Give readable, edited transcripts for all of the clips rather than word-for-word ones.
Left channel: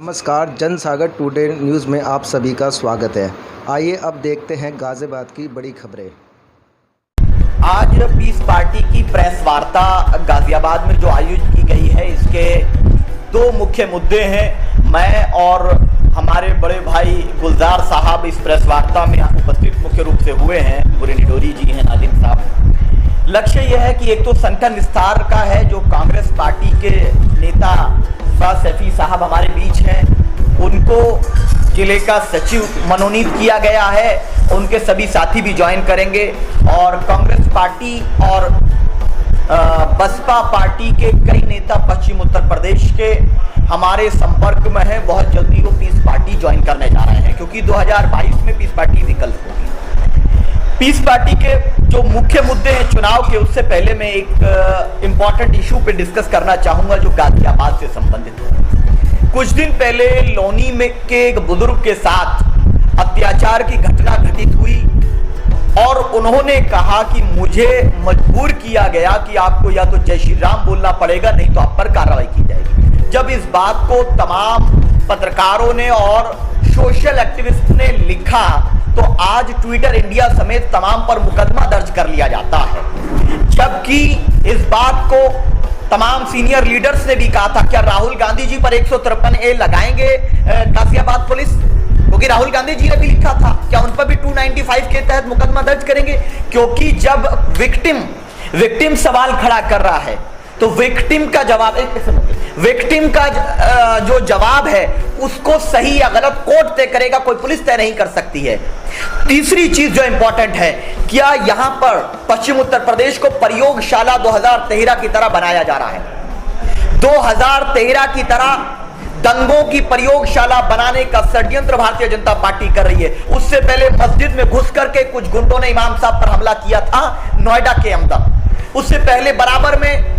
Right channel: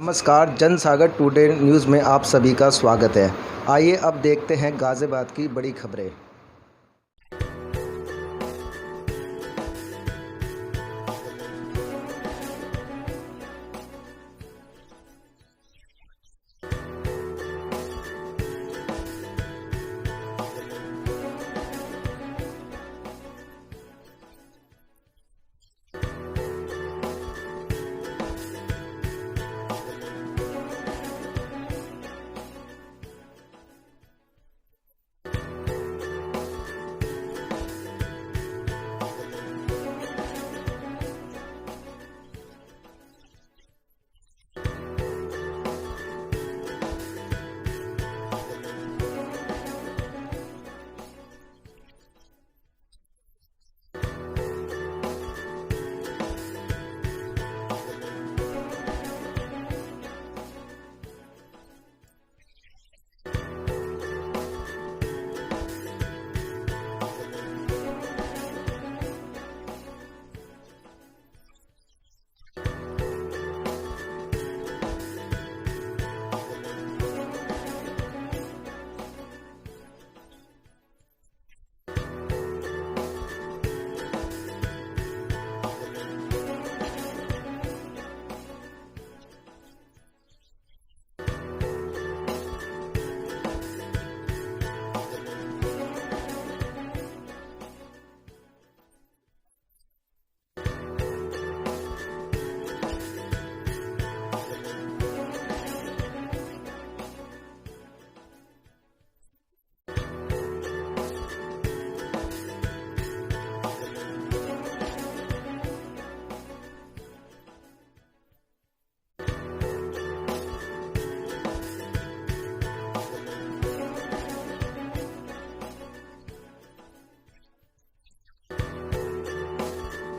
नमस्कार, जनसागर today news में आप सभी का स्वागत है। आइए अब देखते हैं गाज़ियाबाद की बड़ी खबरें। आज पीस पार्टी की प्रेस वार्ता गाजियाबाद में जो आयोजित की गई है, इसके दो मुख्य मुद्दे हैं। मैं और हमारे बड़े भाई गुलजार साहब इस प्रेस वार्ता में उपस्थित मुख्य रूप से हुए हैं। पूरे निडोरी जी हैं, नाजिम साहब। लक्ष्य यह है कि एक तो संगठन विस्तार का है, जो कांग्रेस पार्टी के नेता फराज सैफी साहब हमारे बीच हैं, उनको जिले का सचिव मनोनीत किया गया है। उनके सभी साथी भी ज्वाइन करेंगे और कांग्रेस पार्टी और बसपा पार्टी के कई नेता पश्चिम उत्तर प्रदेश के हमारे संपर्क में हैं। बहुत जल्दी वो पीस पार्टी ज्वाइन करने जा रहे हैं, क्योंकि 2022 में पीस पार्टी विकल्प होगी। पीस पार्टी के जो मुख्य मुद्दे हैं चुनाव के, उससे पहले मैं एक इम्पॉर्टेंट इशू पे डिस्कस करना चाहूंगा जो गाजियाबाद से संबंधित है। कुछ दिन पहले लोनी में के एक बुजुर्ग के साथ अत्याचार की घटना घटित हुई और उन्होंने कहा कि मुझे मजबूर किया गया कि आपको या तो जय श्री राम बोलना पड़ेगा, नहीं तो आप पर कार्रवाई की जाएगी। जब इस बात को तमाम पत्रकारों ने और सोशल एक्टिविस्ट ने लिखा, तो आज ट्विटर इंडिया समेत तमाम पर मुकदमा दर्ज कर लिया जाता है। जबकि इस बात को तमाम सीनियर लीडर्स ने भी कहा था, क्या राहुल गांधी जी पर 153A लगाएंगे गाजियाबाद पुलिस? क्योंकि राहुल गांधी जी ने भी लिखा था, क्या उन पर भी 295 के तहत मुकदमा दर्ज करेंगे? क्योंकि जब विक्टिम सवाल खड़ा कर रहा है, तो विक्टिम का जो जवाब है उसको सही या गलत कोर्ट तय करेगा, कोई पुलिस तय नहीं कर सकती है। तीसरी चीज जो इंपॉर्टेंट है, क्या यहां पर पश्चिम उत्तर प्रदेश को प्रयोगशाला 2013 की तरह बनाया जा रहा है? 2013 की तरह दंगों की प्रयोगशाला बनाने का षड्यंत्र भारतीय जनता पार्टी कर रही है। उससे पहले मस्जिद में घुस करके कुछ गुंडों ने इमाम साहब पर हमला किया था नोएडा के अंदर। उससे पहले बराबर में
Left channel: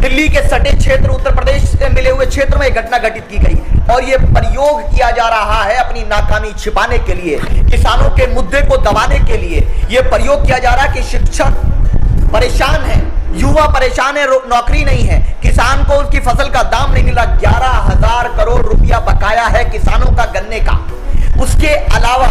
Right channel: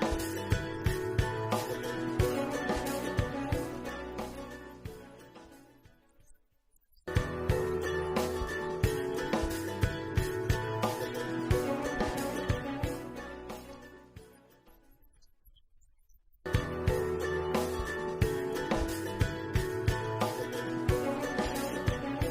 दिल्ली के सटे क्षेत्र, उत्तर प्रदेश से मिले हुए क्षेत्र में घटना घटित की गई और यह प्रयोग किया जा रहा है अपनी नाकामी छिपाने के लिए, किसानों के मुद्दे को दबाने के लिए। यह प्रयोग किया जा रहा है कि शिक्षक परेशान है, युवा परेशान है, नौकरी नहीं है, किसान को उसकी फसल का दाम नहीं मिला। 11,000 करोड़ रुपया बकाया है किसानों का गन्ने का। उसके अलावा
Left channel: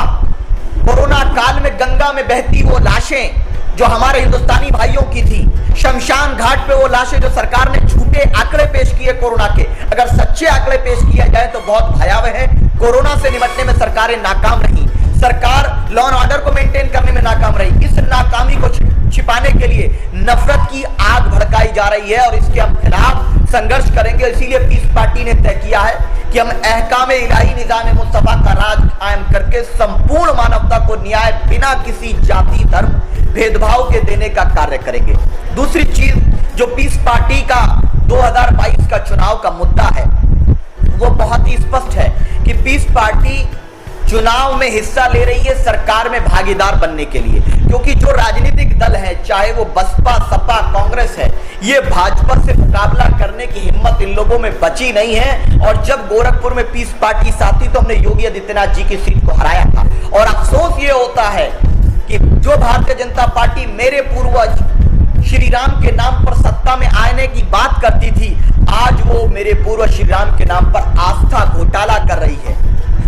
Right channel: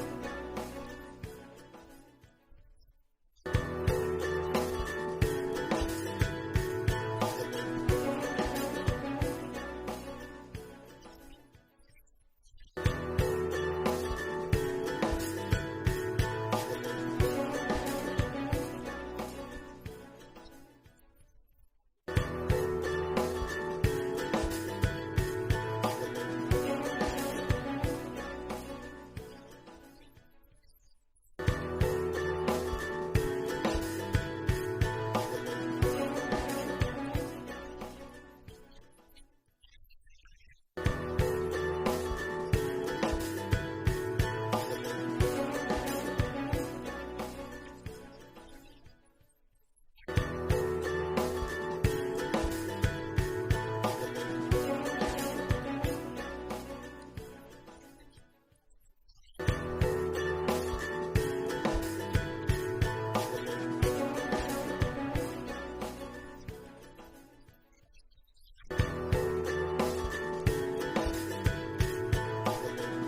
कोरोना काल में गंगा में बहती वो लाशें जो हमारे हिंदुस्तानी भाइयों की थी, शमशान घाट पे वो लाशें जो सरकार ने झूठे आंकड़े पेश किए कोरोना के, अगर सच्चे आंकड़े पेश किया जाए तो बहुत भयावह है। कोरोना से निपटने में सरकारें नाकाम रही, सरकार लॉ एंड ऑर्डर को मेंटेन करने में नाकाम रही। इस नाकामी को छिपाने के लिए नफरत की आग भड़काई जा रही है और इसके हम खिलाफ संघर्ष करेंगे। इसीलिए पीस पार्टी ने तय किया है कि हम अहकामे इलाही निज़ाम मुस्तफा का राज कायम करके संपूर्ण मानवता को न्याय बिना किसी जाति धर्म भेदभाव के देने का कार्य करेंगे। दूसरी चीज जो पीस पार्टी का 2022 का चुनाव का मुद्दा है, वो बहुत ही स्पष्ट है कि पीस पार्टी चुनाव में हिस्सा ले रही है सरकार में भागीदार बनने के लिए। क्योंकि जो राजनीतिक दल है, चाहे वो बसपा, सपा, कांग्रेस है, ये भाजपा से मुकाबला करने की हिम्मत इन लोगों में बची नहीं है। और जब गोरखपुर में पीस पार्टी साथ थी तो हमने योगी आदित्यनाथ जी की सीट को हराया था। और अफसोस ये होता है कि जो भारतीय जनता पार्टी मेरे पूर्वज श्री राम के नाम पर सत्ता में आने की बात करती थी, आज वो मेरे पूर्वज श्री राम के नाम पर आस्था घोटाला कर रही है।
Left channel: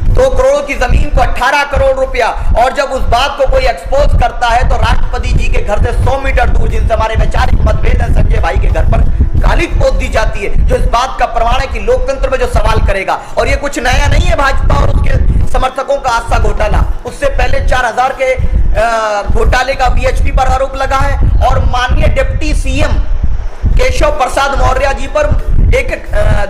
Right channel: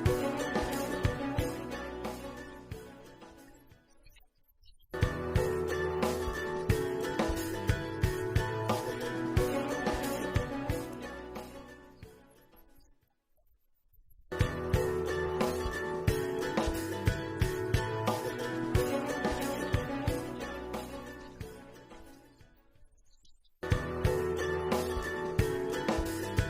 2 करोड़ की जमीन को 18 करोड़ रुपया, और जब उस बात को कोई एक्सपोज करता है तो राष्ट्रपति जी के घर से 100 मीटर दूर, जिनसे हमारे वैचारिक मतभेद है, संजय भाई के घर पर गाली पोत दी जाती है, जो इस बात का प्रमाण है कि लोकतंत्र में जो सवाल करेगा। और ये कुछ नया नहीं है भाजपा और उसके समर्थकों का आस्था घोटाला। उससे पहले 4000 के घोटाले का बीएचपी पर आरोप लगा है और माननीय डिप्टी सीएम केशव प्रसाद मौर्य जी पर एक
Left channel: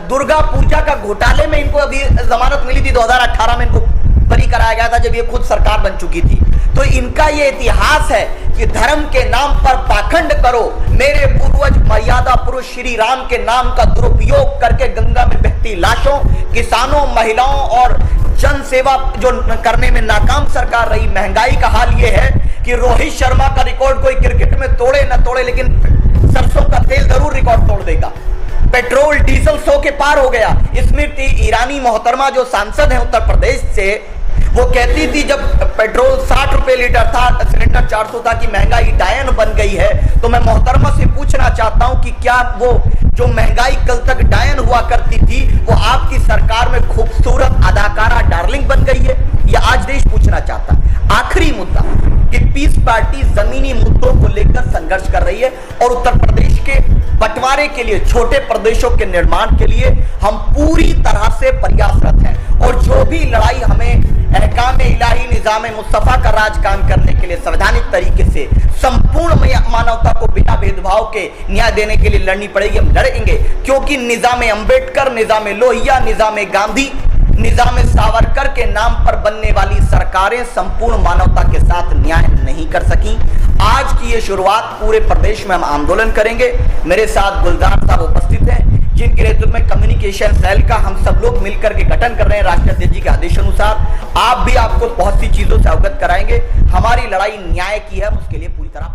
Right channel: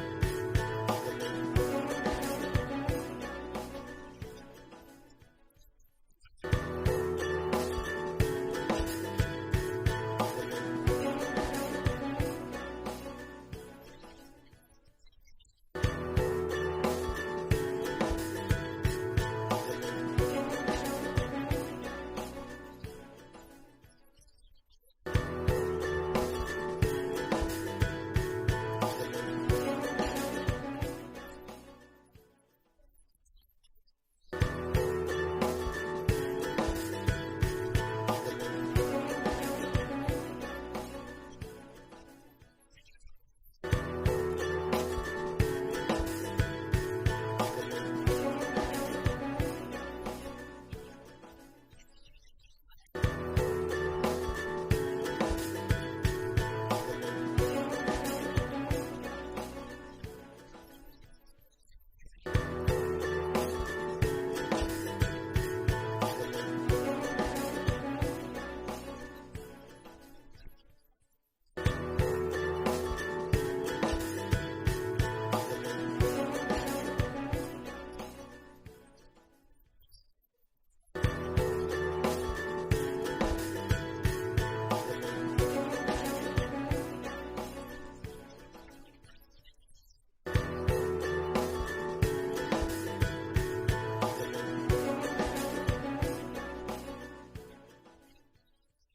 दुर्गा पूजा का घोटाले में इनको अभी जमानत मिली थी। 2018 में इनको बरी कराया गया था जब ये खुद सरकार बन चुकी थी। तो इनका ये इतिहास है कि धर्म के नाम पर पाखंड करो। मेरे पूर्वज मर्यादा पुरुष श्री राम के नाम का दुरुपयोग करके गंगा में बहती लाशों, किसानों, महिलाओं और जन सेवा जो करने में नाकाम सरकार रही। महंगाई का हाल ये है कि रोहित शर्मा का रिकॉर्ड कोई क्रिकेट में तोड़े न तोड़े, लेकिन सरसों का तेल जरूर रिकॉर्ड तोड़ देगा। पेट्रोल डीजल 100 के पार हो गया। स्मृति ईरानी मोहतरमा जो सांसद है उत्तर प्रदेश से, वो कहती थी जब पेट्रोल 60 रुपए लीटर था, सिलेंडर 400 था, कि महंगाई डायन बन गई है। तो मैं मोहतरमा से पूछना चाहता हूं कि क्या वो जो महंगाई कल तक डायन हुआ करती थी, वो आपकी सरकार में खूबसूरत संघर्ष कर रही है और उत्तर प्रदेश के बंटवारे के लिए, छोटे प्रदेशों के निर्माण के लिए हम पूरी तरह से प्रयासरत हैं। और जो भी लड़ाई हमें अहकाम इलाही निजाम मुस्तफा का राज कायम करने के लिए संवैधानिक तरीके से संपूर्ण मानवता को बिना भेदभाव के न्याय देने के लिए लड़नी पड़ेगी, हम लड़ेंगे। क्योंकि निजाम अंबेडकर, निजाम लोहिया, निजाम गांधी, निजाम सावरकर के नाम पर बनने वाली सरकारें संपूर्ण मानवता के साथ न्याय नहीं कर सकी। आज की ये शुरुआत पूरे प्रदेश में हम आंदोलन करेंगे। मेरे साथ गुलजार साहब उपस्थित हैं, जिनके नेतृत्व में कम्युनिकेशन सेल का हम सब लोग मिलकर के गठन कर रहे हैं राष्ट्रीय अध्यक्ष जी के आदेशानुसार। आप भी आपको बहुत सी चीजों से अवगत कराएंगे। हमारी लड़ाई न्याय की है, उसके लिए पूरी तरह